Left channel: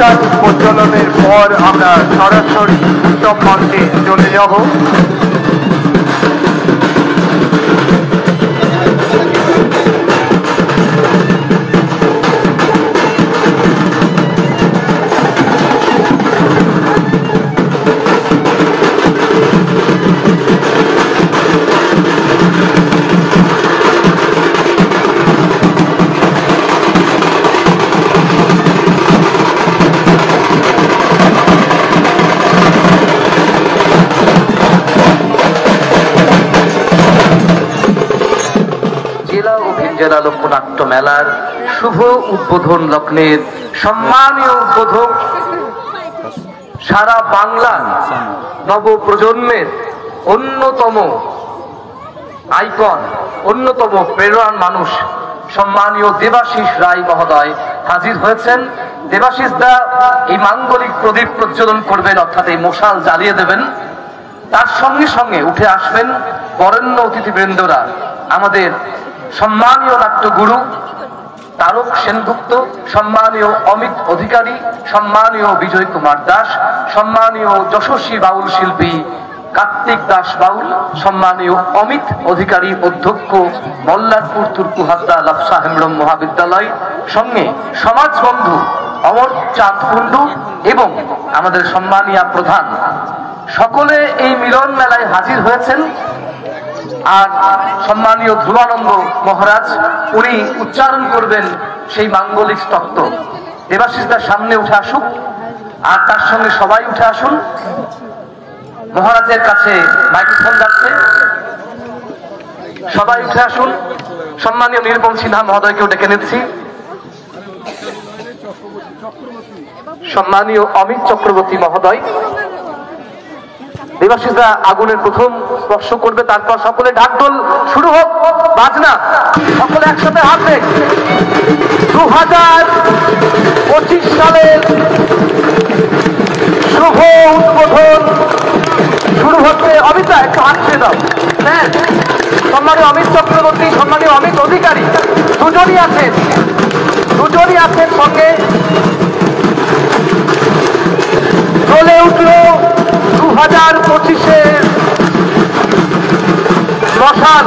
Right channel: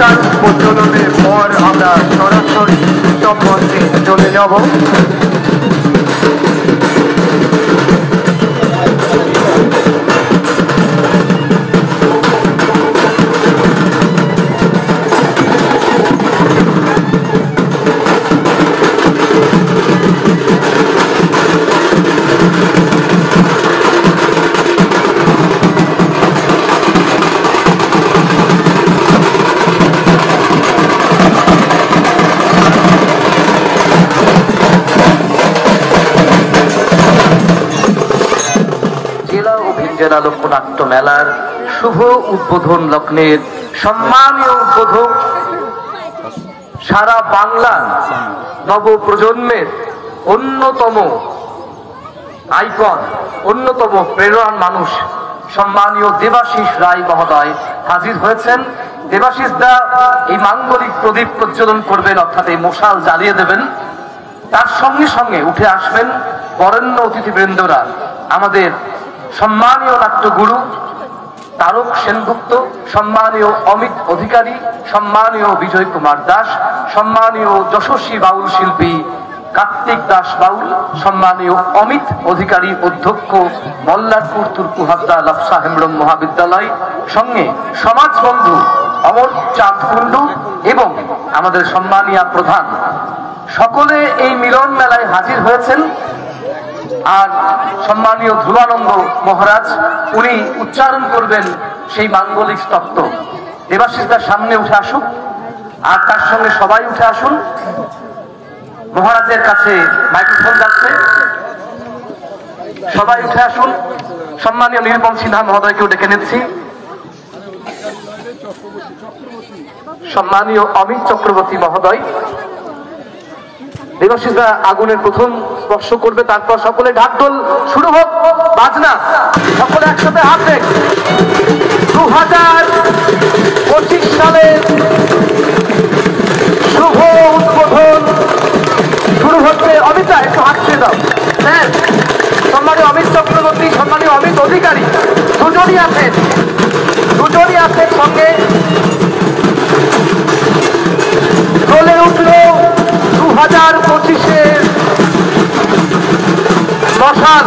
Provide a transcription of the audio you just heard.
অনুষ্ঠান প্রচলনের পর আমরা সরাসরি উত্তম মঞ্চে চলে যাব। জেলা লোকনাট্য মেলার শুভ উদ্বোধন লগ্নের সম্মানীয় উদ্বোধক, সারা বাংলার নব প্রজন্মের অন্যতম আইকন, অন্যতম প্রেরণার মানুষ সম্মানীয় দেবাশিস রায় মহোদয় হাজির হয়েছেন। দেবাশিস দা এই মাঙ্গলিক প্রদীপ প্রজ্বলন করবেন, অর্থাৎ এই মশাল জ্বালিয়ে দেবেন। তার সঙ্গে সঙ্গে উঠে আসবেন বরেণ্য অতিথিবৃন্দরা, আমাদের সম্মানীয় নাট্যগুরু তারক সেনগুপ্ত, সম্মানীয় অমিত অধিকারী, সম্মানীয় বিজয় কুমার দাস, সম্মানীয় যশস্বী বাউল শিল্পী কার্তিক দাস বাউল, সম্মানীয় অমিত অধিকারী অধ্যক্ষ মল্লারপুর তুর্কুহাদ্দা লাফসা হেমব্রম মহাবিদ্যালয়, সঙ্গে সমাজবন্ধু অমর চাঁদ কুন্ডু এবং আমাদের সম্মানীয় প্রধান, সকলে এই মিলন মেলায় হাজির হয়েছেন। আর সম্মানীয় ধ্রুবানন্দ মহারাজ, উনি উচ্চারণ করবেন সেই মাঙ্গলিক স্তোত্র। দেবাশিসদার সামনে উঠে আসুক, আর তার সঙ্গে সবাই উঠে আসুন। মহারাজের কাছে মাইক্রোফোন যাচ্ছে, সবাই উঠে আসুন। সম্মানীয় নির্মল সিনহা মহোদয়কেও ডেকে নিচ্ছি। সম্মানীয় অমিত চক্রবর্তী মহোদয়, দেবাশিসদা আগুনের প্রথম স্পর্শ করবে, তারপর সকলে ঢাকঢোল শুরু হোক, বাজনা সকলে একসাথে হাঁটবে। 2025 সালের শুভ উদ্বোধন শুরু হচ্ছে। অমিতা একটু হাঁটতে দাও। হ্যাঁ, সম্মানীয় অমিত চক্রবর্তী, সম্মানীয় অমিত অধিকারী দুজনই আছেন সঙ্গে। চলে উঠল 2025 মশাল।